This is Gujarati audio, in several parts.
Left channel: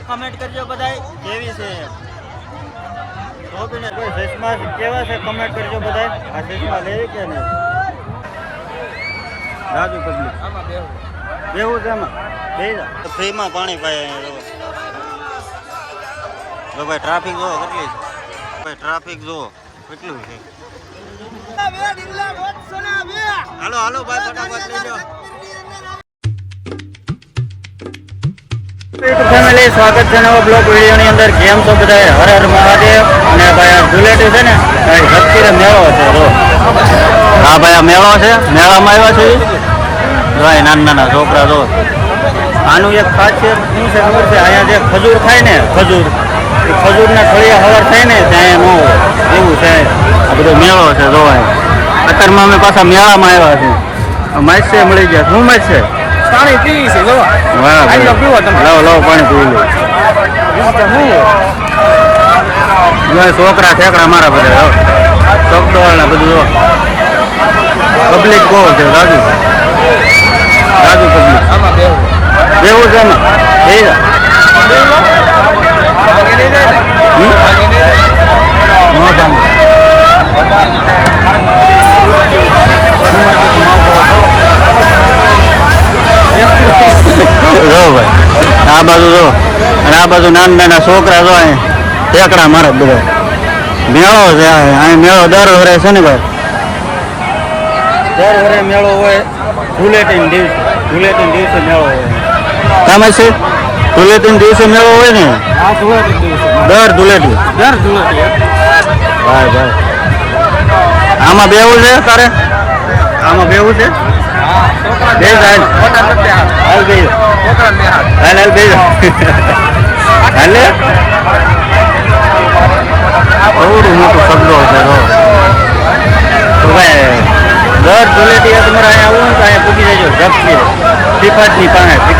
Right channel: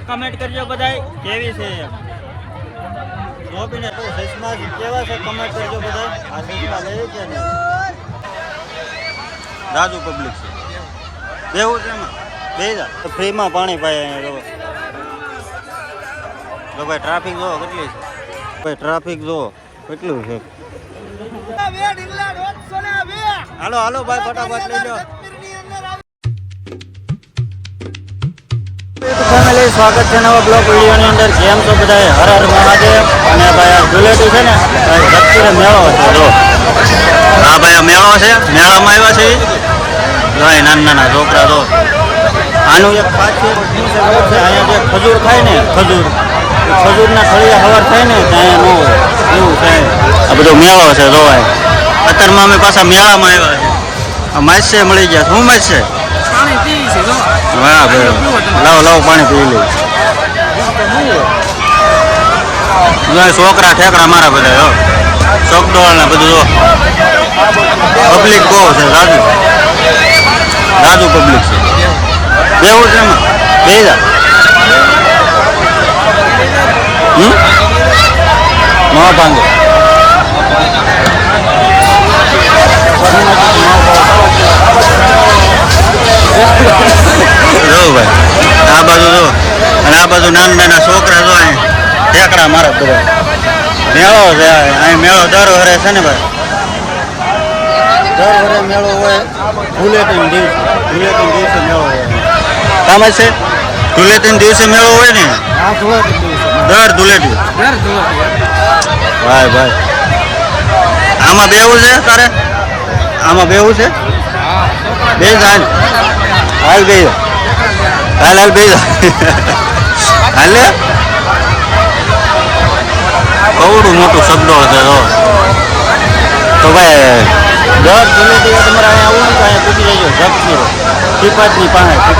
કમેન્ટ કરજો બધાય કેવી છે ટોપીને કોઈ ચશ્મા કેવા છે કમેન્ટ કરજો બધાય આ ચશ્મા લેવી કે નહીં રાજુ પબ્લિક બેવું છે એમાં બેજા ફ્રીમાં પાણી પાય જો ભાઈ ટ્રાફિક જો કેટલી છે ભાઈ ટ્રાફિક જો કેટલું છે હાલો હાલો ભાઈ ફટાફટ લઈ લો ફેમિલી સ્વાગત છે નવા બ્લોગ વિડીયોની અંદર કેમ છો બધા હર હર મહાદેવ અને ભાઈ આ ધુલેટી છે ને ભાઈ શક્તિનો મેળો છે હા ભાઈ આ મેળો છે મેળામાં આવ્યા છે ભાઈ નાના નાના છોકરા તો આનું એક ખાસિયત શું છે ખબર છે અહીંયા જે ખજૂર ખાય ને ખજૂર એ ખજૂરના થળિયા હવાર થાય ને ત્યાં ન હોય એવું છે બધો મેળો છે જોવાય અત્યારમાં અમે પાછા મેળામાં આવ્યા છે માછ મળી ગયા શું માછ છે પાણી પી છે વાહ ભાઈ લાવો લાવો પાણી પી લે છોકરા ઠેકડા મારા બધા ચોકડોળ ને બધું જો પબ્લિક બહુ છે રાજુ પબ્લિક બેવું છે એમાં બે જા ભાંગે જો ભાઈ આ બાજુ જો અને આ બાજુ નાના નાના છોકરા જો અહીં ઠેકડા મારા બધા મેળો છે અહીં મેળો દર વરે છે ને ભાઈ દર વરે મેળો હોય ધુલેટીના દિવસે મેળો હોય તમે છે ધુલેટીના દિવસે મેળો હોય ને હા ધુલેટી દિવસે દર ધુલેટી ભાઈ ભાઈ આમાં બેવું છે તારે આમાં બેવું છે બે જાય હાલ બે હાલ હાલ બે હાલે કવડું મોટું શબ્દો છે તો ભાઈ દર ધુલેટી તમારે અહીંયા આવું ને તો અહીંયા પૂકી જાય ઝપકી ત્રિપાજની પાસે તો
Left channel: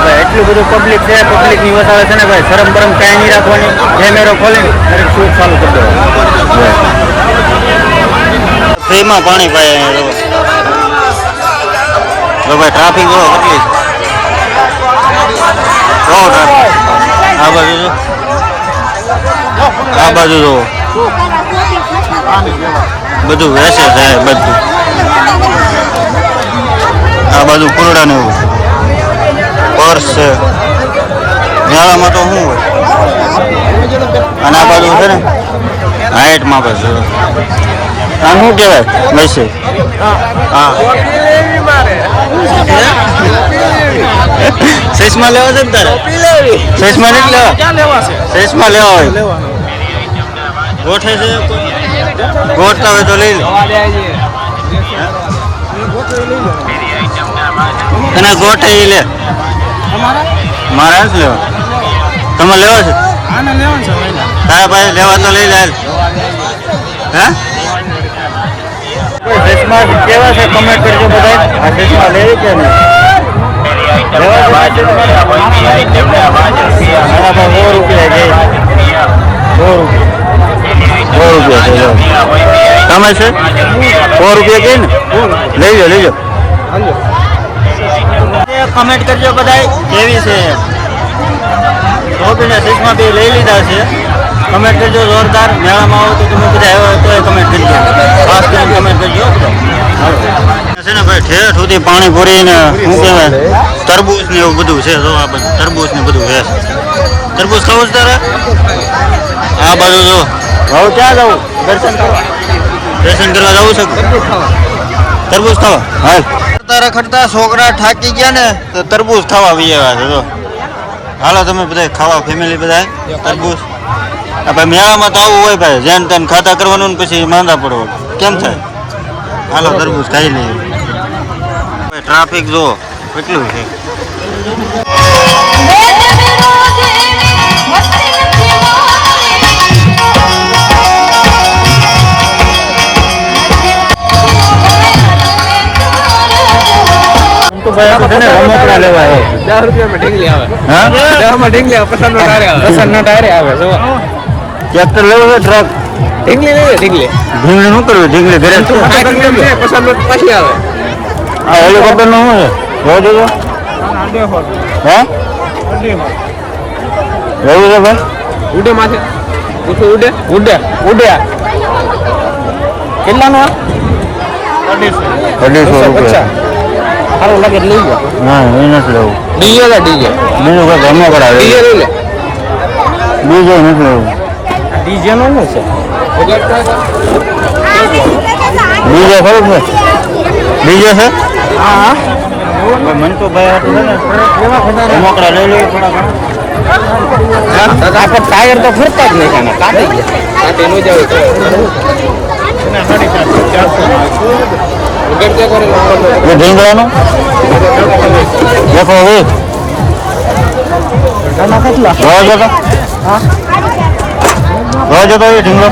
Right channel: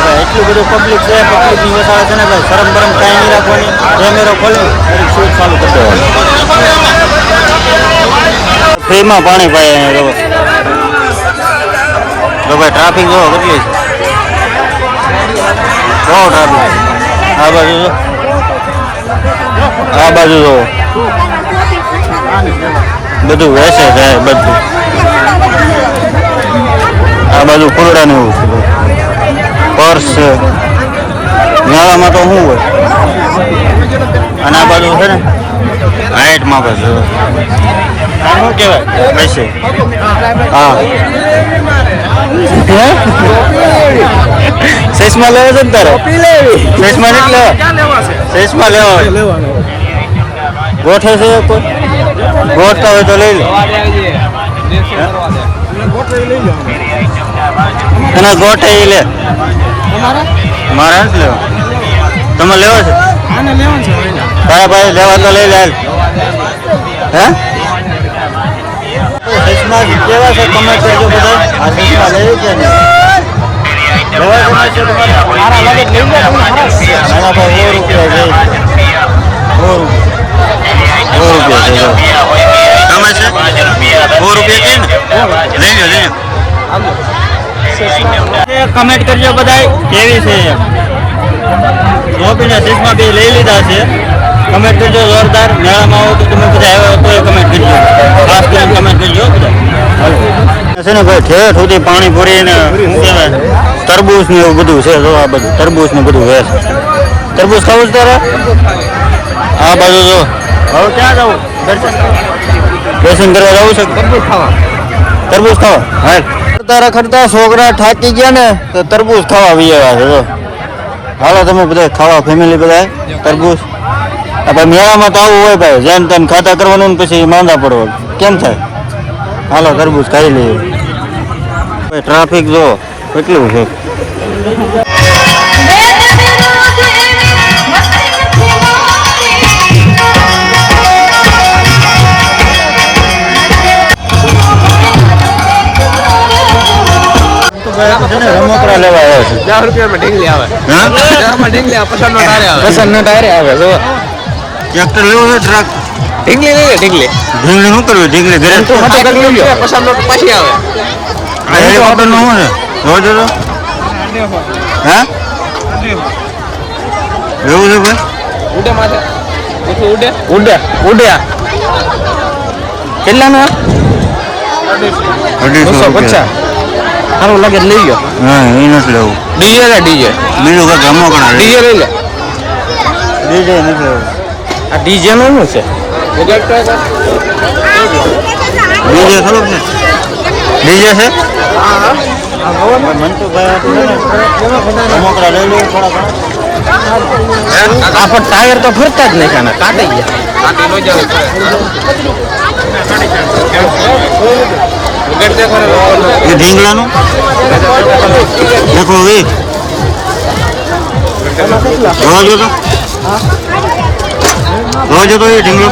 ભાઈ એટલું બધું પબ્લિક છે પબ્લિકની વસાવે છે ને ભાઈ શરમ બરમ કાંઈ નહીં રાખવાની કેમેરો ખોલીને દરેક શૂટ ચાલુ કરી દેવાનું ફ્રીમાં પાણી પાય જો ભાઈ ટ્રાફિક જો કેટલી છે બહુ ટ્રાફિક આ બાજુ જો બધું વેસે છે બધું આ બાજુ ફૂલડા ને એવું છે પર્સ છે મેળામાં તો શું હોય અને આ બાજુ છે ને હાઈટમાં બસ આ શું કહેવાય વૈસે હા ચશ્મા લેવા છે ને તારે ચશ્મા નથી લેવા ચશ્મા લેવા હોય ગોઠે છે કોઈ ગોઠતા હોય તો લઈ લો તને ગોઠે એ લે મારે નથી લેવા તમે લેવા છે તારા ભાઈ લેવા તો લઈ લે હે ચશ્મા કેવા છે કમેન્ટ કરજો બધા આ ચશ્મા લેવી કે નહીં લેવા છે તમારે હા ભાઈ 100 રૂપિયા ગઈ 100 રૂપિયા છે જો તમે છે 100 રૂપિયા ગઈ ને લઈ લો કમેન્ટ કરજો બધા કેવી છે ટોપીને ચશ્મા બી લઈ લીધા છે કમેન્ટ કરજો જોરદાર મેળામાં આવો તો તમે બધા આવ્યા તો કમેન્ટ કરજો ખાસ કરીને કમેન્ટ કરજો હાલો છે ને ભાઈ ઠેઠ સુધી પાણી ભરીને શું કહેવાય તરબૂચ ને એવું બધું છે જો આ બધું તરબૂચ ને બધું છે તરબૂચ ખાવું છે તારે આ બાજુ જો હવે ક્યાં જવું દર્શન કરવા જવું છે તરબૂચ ખાવા હાલ રખડતા છોકરા થાકી ગયા ને તો તરબૂચ ખાવા આવી આવ્યા છે જો હાલો તમે બધા ખાવા ફેમિલી બધા તરબૂચ ભાઈ મેળામાં તો આવું હોય ભાઈ જેન તેન ખાતા કરવાનું ને પછી માંદા પડવાનું કેમ થાય હાલો તરબૂચ ખાઈ લઈએ ભાઈ ટ્રાફિક જો કેટલું છે રમકડા લેવા ટ્રેક્ટર લેવો છે ટ્રક ઢીંગલી શું કરવું ઢીંગલી ઘરે આ હેલિકોપ્ટર નું શું છે જોજો હે એવું છે ભાઈ ઉડે માથે ઉઠું ઉડે ઉડે ઉડે કેટલાનું 250 રૂપિયા સારું લાગે લઈ ગયો ના એ નથી લેવું ડીજે લે ડીજે બીજું કંઈક રમકડા ડીજે લઈ લે બીજું નથી લેવું આ ડીજે નું શું છે ડીજે ખબર છે ડીજે છે હા ભાઈ મન તો ભાઈ આટલું છે ને રમકડા લઈ લઈએ થોડા ઘણા આપણે ટાયર તો ફરતા જ નહીં ખાના કાઢી ગયા કાઢી નો જાવ એ ઢીંગલાનું દેખો હવે રોજ હતો એ ઢીંગલો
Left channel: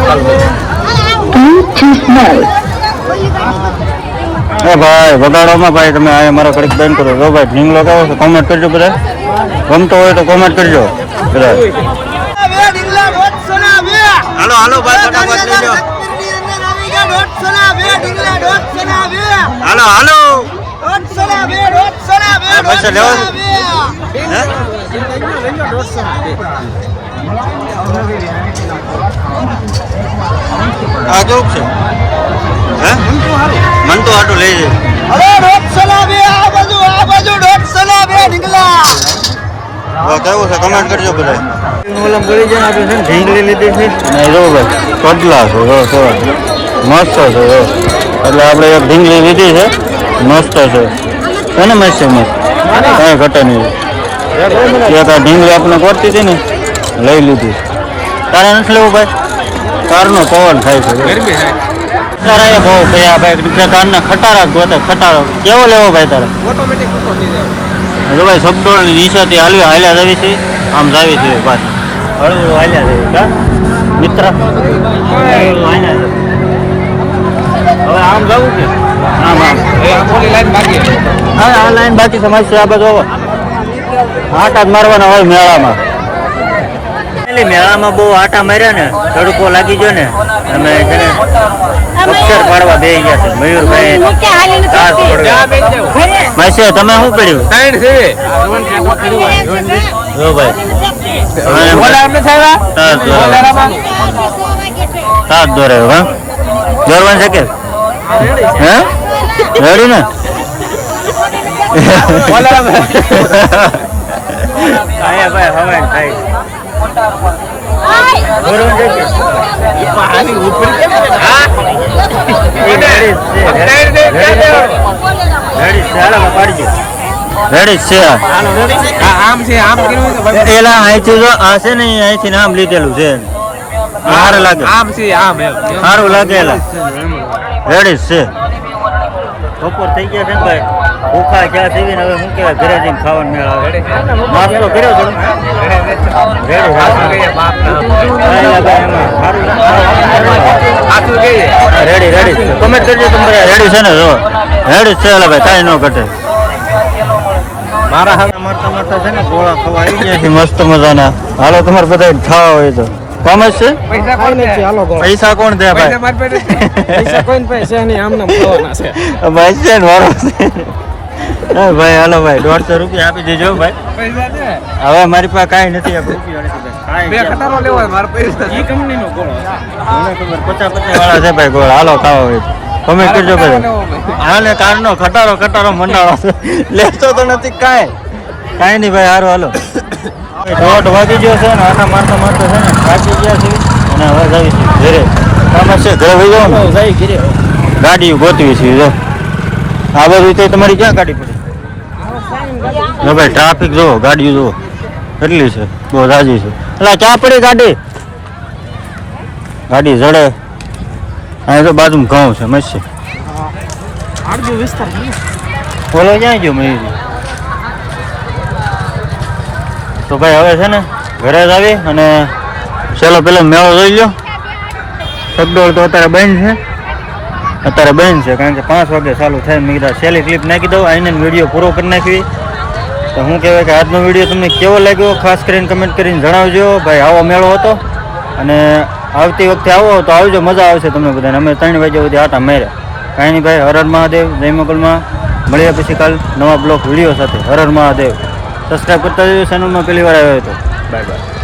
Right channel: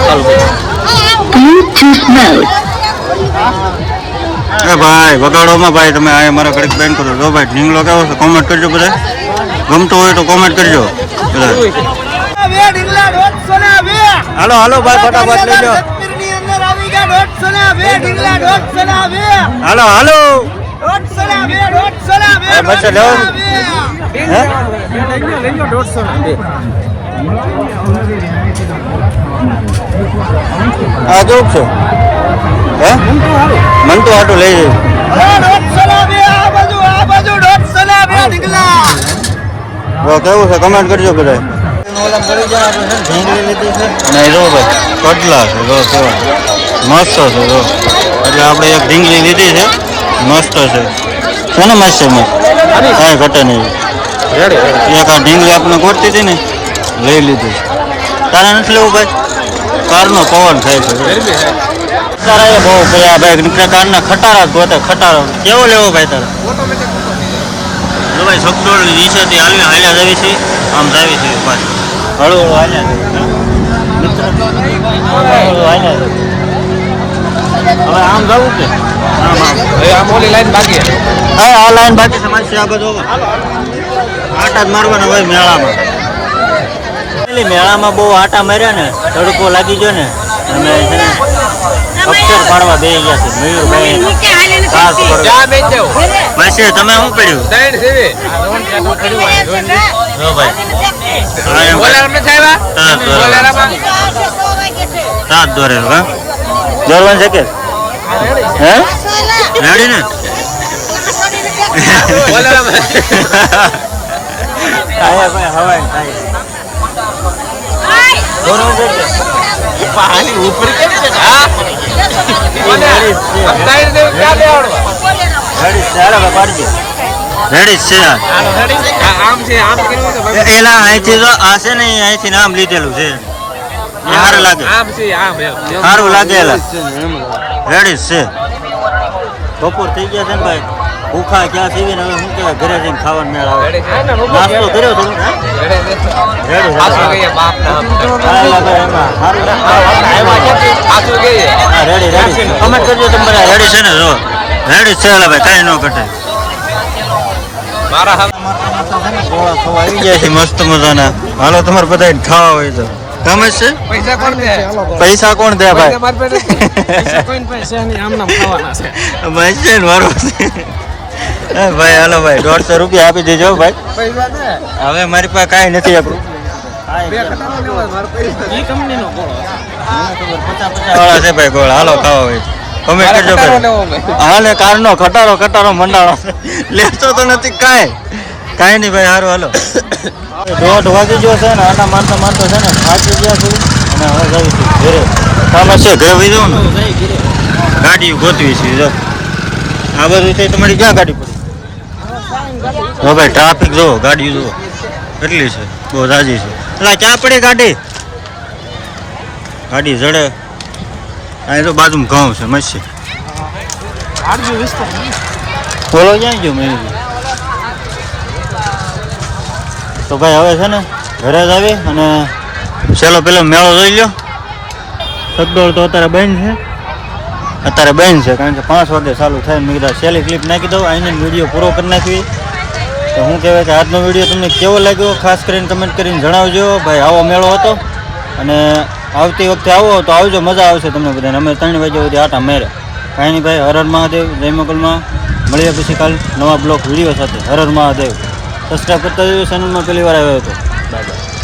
એ ભાઈ વગાડોમાં ભાઈ તમે આ મારા કડીક બેન કરો જો ભાઈ ઢીંગલો કેવો છે કોમેન્ટ કરજો બધા ગમતો હોય તો કોમેન્ટ કરજો બધા હાલો હાલો ભાઈ ફટાફટ લઈ લો હાલો હાલો પૈસા લેવો હે આ કેવું છે હે મન તો આટું લઈ જાય કેવું છે કમેન્ટ કરજો બધા ઓલા ગળી જાય આપણે છે ને ઢીંગલી લીધી છે અને જો ભાઈ કડલા છે જો કેવા મસ્ત છે જો એટલે આપણે એક ઢીંગલી લીધી છે મસ્ત છે કોને મસ્ત છે મસ્ત કાંઈ ઘટે નહીં એક આ ઢીંગલી આપણે કોરતી હતી ને લઈ લીધી તારે નથી લેવું ભાઈ કારનો પવન ખાય છે તારા એ બહુ ભાઈ કારના ખટારા ગોતે ખટારો કેવો લેવો ભાઈ તારે ઓટોમેટિક જો ભાઈ સબડોળની નીચેથી હાલ્યા જાવી છે આમ જાવી છે પાછું હળુ હળુ હાલ્યા છે મિત્ર હળુ હાલ્યા છે હવે આમ જવું છે આમ આમ હા આ લાઈન બાકી છે મારી આ બાજુ આટા જ મારવાના હોય મેળામાં એટલે મેળામાં બહુ આટા માર્યા ને તડકો લાગી ગયો ને અમે છે ને અક્ષર પાડવા બે ગયા છે મયુરભાઈ કાસ પડવા માસી તમે શું પડ્યું જો ભાઈ તાજ દોરે હા મેળવાનું છે કે હા રેડી ને ભાઈ હવાઈ થાય બોલવાનું છે કે એલા અહીંથી જો આ છે ને અહીંથી નામ લીધેલું છે સારું લાગે સારું લાગે એલા રેડી છે બપોર થઈ ગયા છે ને ભાઈ ભૂખા ક્યાં સીવીને હવે શું કહેવાય ઘરે જઈને ખાવાનો મેળ આવે નાસ્તો કર્યો થોડું રેડી હા એલા ભાઈ એમાં સારું રેડી રેડી છે કમેન્ટ કરજો તમે બધા રેડી છે ને જો રેડી છે એલા ભાઈ કાંઈ ન ઘટે મારતા મારતા છે ને ગોળા ખવા આવી ગયા છે મસ્ત મજાના હાલો તમારે બધા ખાવા હોય તો કામ જ છે પૈસા કોણ દે ભાઈ ભાઈ છે ને મારો ભાઈ હાલો ભાઈ 150 રૂપિયા આપી દેજો ભાઈ હવે મારી પાસે કાંઈ નથી આપ્યું ખબર 50 વાળા છે ભાઈ ગોળા હાલો ખાવા હોય કમેન્ટ કરજો ભાઈ હાલે કારનો ખટારો મંડાળો લેતો તો નથી કાંઈ નહીં ભાઈ સારું હાલો 1:30 વાગી ગયો છે ને આટા મારતા મારતા છે ને થાકી ગયા છે અને હવે જઈશું ઘરે કામ છે ઘરે વહી જાવ ને ગાડી ગોતવી છે જો આ બધું તો તમારી ક્યાં ગાડી પડી જો ભાઈ ટ્રાફિક જુઓ ગાડી જુઓ કેટલી છે બહુ રાજી છે એટલે ક્યાં પડી ગાડી જડે અહીં તો બાજુમાં ઘઉં છે મસ્ત પેલો ક્યાં ગયો મયુરી તો ભાઈ હવે છે ને ઘરે જ આવી અને ચાલો પેલો મેળો જોઈ લો સગડોળ તો અત્યારે બંધ છે કારણ કે 5 વાગે ચાલુ થાય મેં કીધા છેલ્લી ક્લિપ નાખી દઉં આઈને વિડીયો પૂરો કરી નાખવી તો શું કહેવાય કે આજનો વિડીયો તમને કેવો લાગ્યો ખાસ કરીને કમેન્ટ કરીને જણાવજો ભાઈ આવો મેળો હતો અને આવતી વખતે આવો તો આવજો મજા આવશે તમને બધાને અમે 3 વાગ્યા સુધી આટા માર્યા કાંઈ નહીં ભાઈ હર હર મહાદેવ જય મોગલમાં મળીએ પછી કાલ નવા બ્લોગ વિડીયો સાથે હર હર મહાદેવ સબસ્ક્રાઈબ કરતા જજો ચેનલમાં પહેલી વાર આવ્યો હતો બાય બાય.